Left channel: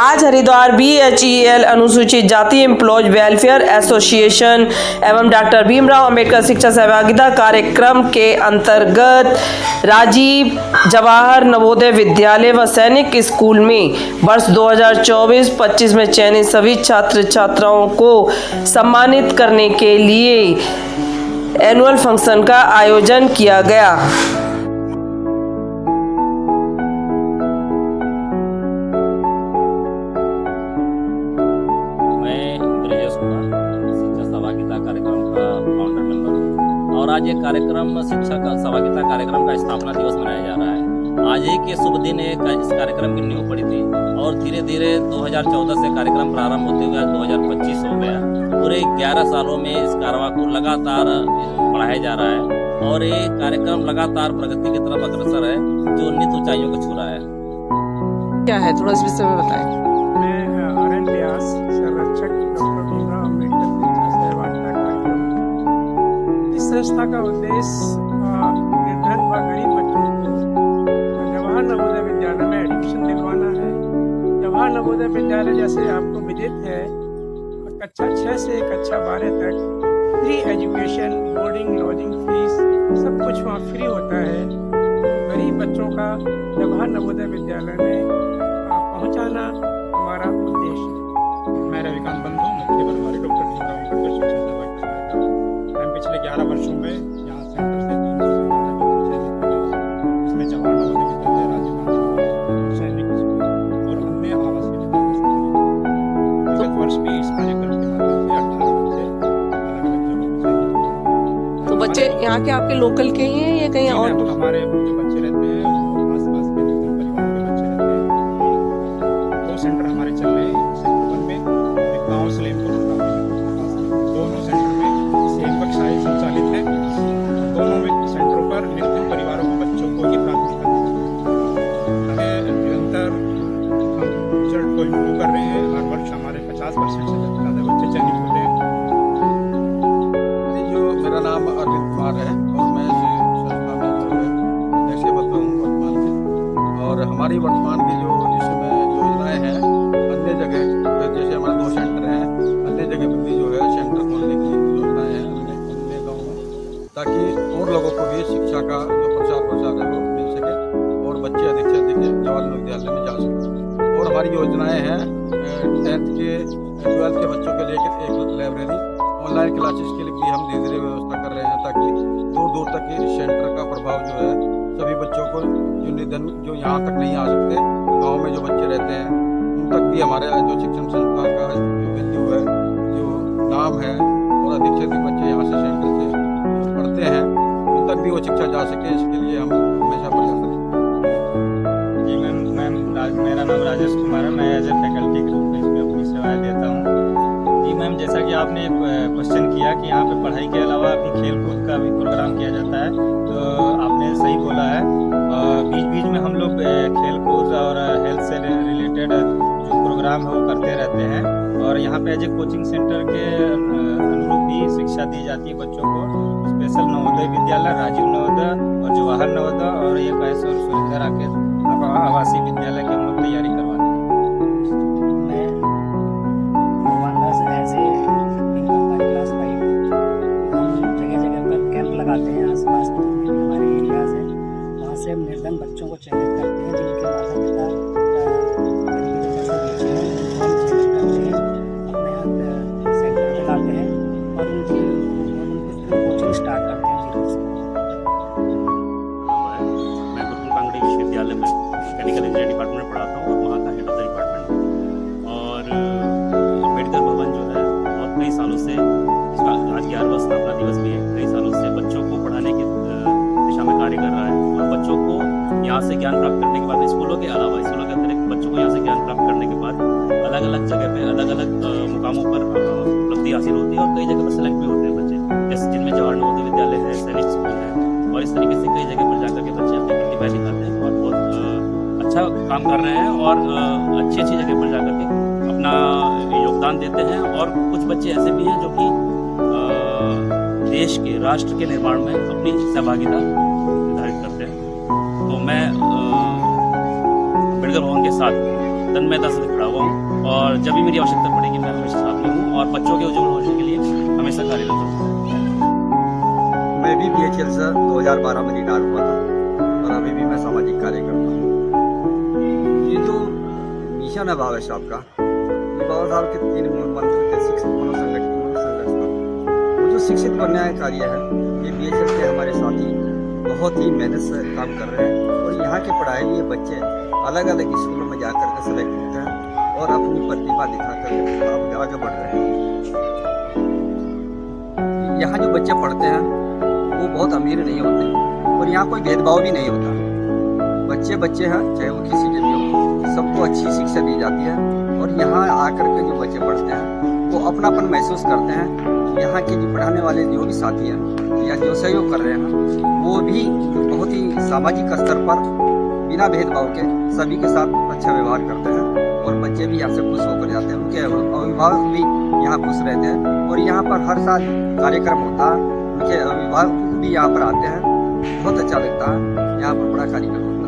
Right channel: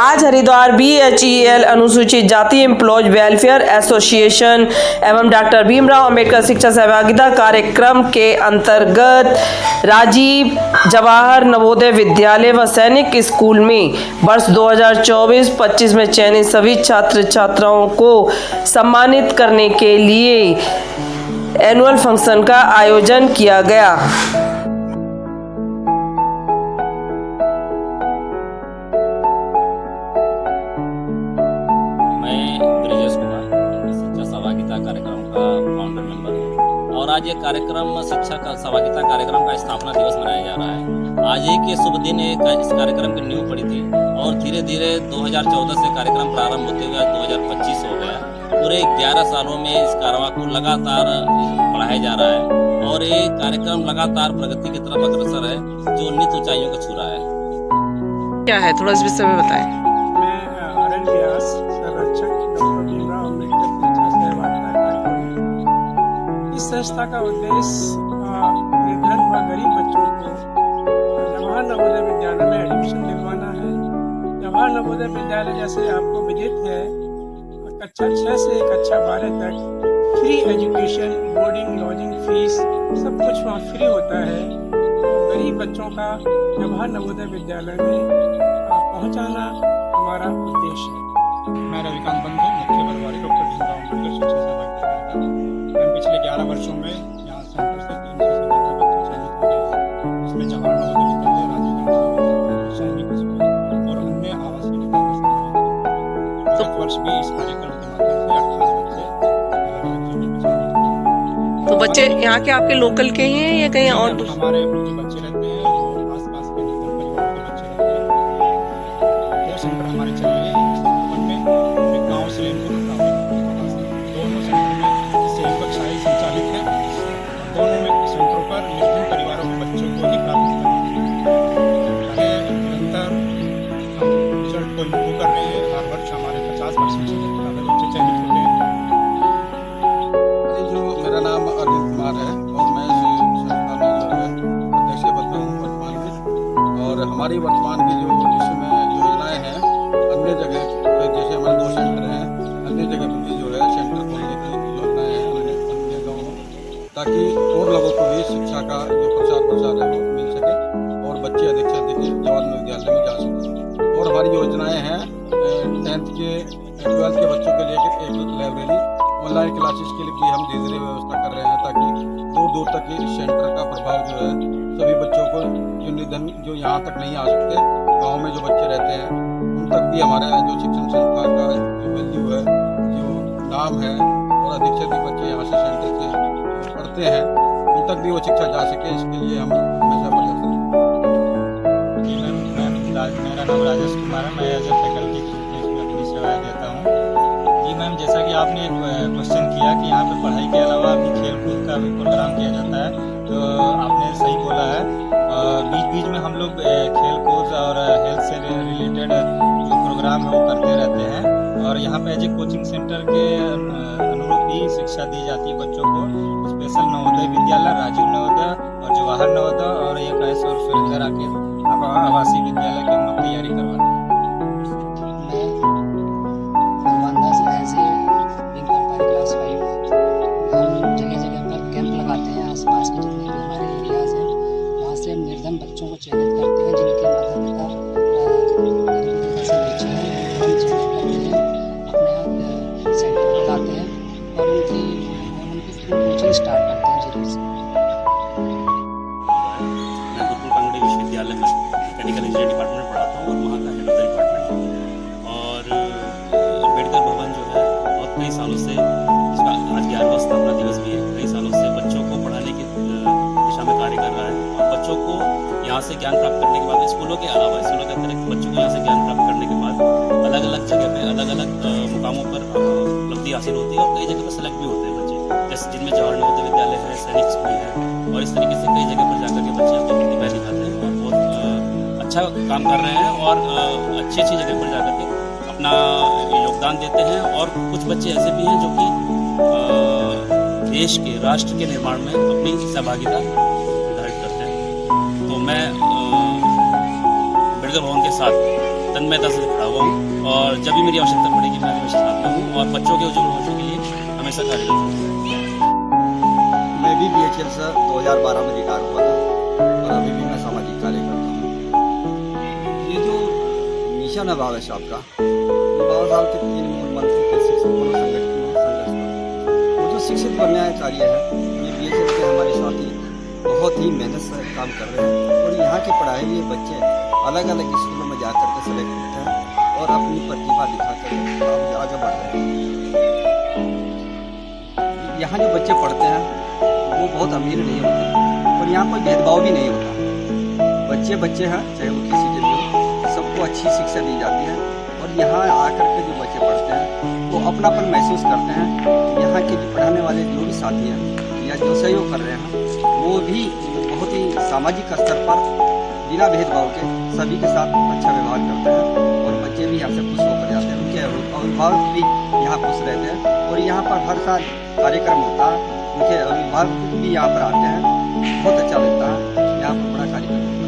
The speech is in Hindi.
आज हरिद्वार BHEL अनुसूचित जाति एम्प्लॉयज वेलफेयर एसोसिएशन एवं डॉक्टर भीमराव अंबेडकर शिक्षा सहभागिता कार्यक्रम के अंतर्गत राजीव जवाहर नवोदय विद्यालय व सैनिक स्कूल में वर्ष 2024-25 में चयनित सभी छात्र छात्राओं को सम्मानित करने के लिए एनुअल फंक्शन का आयोजन किया गया। शिक्षा सहभागिता कार्यक्रम का फाउंडर मेंबर हूँ और आज ये कार्यक्रम शिक्षा का सहभागिता कार्यक्रम का स्थापना दिवस मनाया जा रहा है। आज ही के शुभ दिन इस कार्यक्रम की नींव पड़ी थी और धीरे धीरे 2014 से कार्यक्रम प्रारंभ होते हुए आज 2025 हो गया। पूरे 11 सालों में इस कारवां को लगातार बढ़ाया जा रहा है और ये कार्यक्रम लगातार प्रगति की तरफ अग्रसर है जो उन्नत ऊंचाइयों को छू रहा है। क्या है थोड़ा इस विषय में बताएं। मैं RN व्यास संरक्षक डॉक्टर भीमराव अंबेडकर शिक्षा सहभागिता कार्यक्रम। इस संस्था का उद्देश्य निर्धन व गरीब बच्चों को जवाहर नवोदय विद्यालय में एडमिशन दिलवाना है। जवाहर नवोदय विद्यालय जैसे आपको विदित है कक्षा 6 से कक्षा 12 तक free education, boarding, lodging fees सब कुछ वहाँ फ्री होता है। तो गरीब बच्चों का जवाहर नवोदय विद्यालय में पहुँचाना हमारा उद्देश्य है। मैं रविकांत बंधु, मुख्य प्रभारी डॉक्टर भीमराव अंबेडकर शिक्षा सहभागिता कार्यक्रम। मैं पिछले 11 वर्षों में यहाँ सेंटर से 300 से ज़्यादा बच्चे चयनित हो गए, जिसमें जवाहर नवोदय विद्यालय, राजीव गांधी नवोदय, सैनिक स्कूल और अन्य आवासीय विद्यालय सम्मिलित हुए। वर्ष भी इस कार्यक्रम के माध्यम से 18 बच्चे अलग अलग जगहों पर चयनित हुए। तो बच्चे यहाँ के आपके लोकल के हैं या कहीं और? हमारे जो बच्चे रहते हैं वो आसपास के निर्धन परिवारों के बच्चे रहते हैं। 2 सेंटर हमारे चल रहे हैं, सेक्टर 1 में और एक गाँव से लेनपुर दोनों सेंटर में सेम कक्षाएं संचालित हैं और दोनों में सेंटरों पर निर्धन परिवारों के बच्चों को ही प्राथमिकता दी जाती है। निरंतर हम रिजल्ट को इम्प्रूव कर रहे हैं। हर वर्ष हमारे 50% से ज़्यादा बच्चे चयनित होते हैं। मेरा नाम अरविंद कुमार है और मैं संस्था में जो है अध्यक्ष पद पर हूँ वर्तमान में। और हमारी वर्तमान की जो इसमें योजनाएं हैं अन्य जगह जैसे हमारे 2 सेंटर हैं, अन्य जगह पर भी जो है सेंटर खोलने की योजनाएं हैं अन्य गाँव में, ताकि और लोगों को भी शिक्षा का जो प्रसार है वो मिल सके और बच्चे अधिक से अधिक जवाहर नवोदय विद्यालय में जा सकें। और हमारी योजनाएँ हैं 10th के 12th के बच्चों के लिए एक लाइब्रेरी, ऑनलाइन क्लासेस के लिए भी हम धीरे धीरे व्यवस्था कर रहे हैं ताकि दूर दूर तक इस सेंटर का प्रभाव जो है सभी बच्चों को जो निधन जो यहाँ तक नहीं आ सकते, गांव में जो बच्चे रहते हैं उन तक भी हमारे जो शिक्षण संस्था का जो वैल्यू है, जो नाम है और अधिक से अधिक बच्चे यहाँ से सेंटर से पढ़ते हैं उन तक भी वो शिक्षा जा सके, इसके लिए हम हमेशा प्रयास करते हैं। जी मैम, मेरा नाम राजेश कुमार है। मैं एज ए फैकल्टी के रूप में इसमें अपनी सेवाएँ देता हूँ। जी मैम, जैसा कि आपने एक क्वेश्चन किया कि यहाँ पे पढ़ाई के अलावा भी खेल कूद का भी प्रोग्राम किया जाता है, तो आपने सही बोला है। बीच बीच में हम लोग खेल कूद और हेल्थ से रिलेटेड जो प्रोग्राम है वो करते रहते हैं और यहाँ पे एज ए कोचिंग सेंटर के अनुरूप ही शिक्षा दी जाती है बच्चों को। स्पेशल नवोदय विद्यालय, राजीव नवोदय और जवाहर नवोदय और एक ऐसे और सुरेंद्र आके आवासीय विद्यालय की हम लोग तैयारी करवाते हैं। लगाते हैं आसपास के जितने भी हमारे एरियाज़ हैं वहाँ से हम निर्धन बच्चों को चयनित करते हैं जिनके माता पिता गरीबी रेखा से नीचे हैं, उनको हम चयनित करते हैं, अपने यहाँ सेंटर पर लाते हैं और उनकी फिर कोचिंग स्टार्ट करते हैं जीरो से। मैं गुरुकुल कांगड़ी विश्वविद्यालय में मैकेनिकल इंजीनियरिंग डिपार्टमेंट में पढ़ाता हूँ और वहाँ का हेड ऑफ द डिपार्टमेंट हूँ। और अम्बेडकर भवन जो है बहुत कई सालों से, इसका आज 11वां स्थापना दिवस भी है, कई सालों से बच्चों को पढ़ाने की दिशा में कार्य कर रहा है और बच्चों को यहाँ से ज्ञान प्राप्त करने के बाद स्कूलों के अलावा स्कूलों के अतिरिक्त बच्चों को यहाँ से ज्ञान प्राप्त करने के बाद अलग अलग जगह पे अलग अलग मुकामों पर उपलब्धि हासिल होती है और कई जगह पर सेलेक्ट भी होते हैं बच्चे, जैसे जिनमें जवाहर नवोदय विद्यालय है, सैनिक स्कूल है और इस तरीके से कई जगह पर जाकर के बच्चे अपनी प्रतिभा दिखाते हैं और बहुत अच्छा काम कर रहे हैं और अच्छी अच्छी जगह पर जाकर के अपना योगदान देते हैं। और कुछ बच्चे ऐसे भी हैं जो कि देश के, राष्ट्र के निर्माण में अपनी सहभागिता निर्धारित करते हैं। तो मैं अम्बेडकर भवन के साथ तन्मयता से खड़ा हुआ हूँ और जब भी मेरी आवश्यकता पड़ेगी मैं हमेशा साथ में हूँ और बच्चों के उज्जवल भविष्य के लिए हमेशा कार्यरत हूँ। मैं भी BHL से 2012 में रिटायर हुआ था और अभी भी मैं सामाजिक कार्य करता हूँ। ये जो मिशन है बाबा साहब का, ये बाबा साहब के 3 मूल मंत्र थे, शिक्षित बनो, संगठित बनो, संघर्ष करो। वो जो शिक्षित बनने का कार्य है, ये BHL के हमारे साथी बहुत ही मेहनत से काम कर रहे हैं और यहाँ के पढ़ाए हुए बच्चे अलग अलग स्कूलों में जा कर के सेलेक्ट होते हैं और अपनी प्रतिभा दिखा कर आगे बढ़ रहे हैं। यहाँ जो बच्चे पढ़ते हैं वो बहुत अमीर नहीं होते और यहाँ कोई भेदभाव भी नहीं होता। बच्चे बच्चे हैं, चाहे वो किसी के भी हो, सबको अच्छी शिक्षा दी जाती है और यहाँ आकर के जो बच्चे पढ़ते हैं वो अपनापन महसूस करते हैं। यहाँ के जो पढ़ाने वाले जो भी साथी हैं या जो सहयोग कर रहे हैं वो भी बहुत ही सामाजिक स्तर पर बिना भेदभाव के सभी के साथ अच्छा व्यवहार करते हैं और बच्चे भी यहाँ से खुश होकर जाते हैं। उनके अभिभावक भी यहाँ खुश रहते हैं और यहाँ पर हर साल कार्यक्रम होता है, उनके अभिभावक भी यहाँ पर आते हैं। बहुत अच्छा लगता है, यहाँ पर बड़ा कार्यक्रम होता है।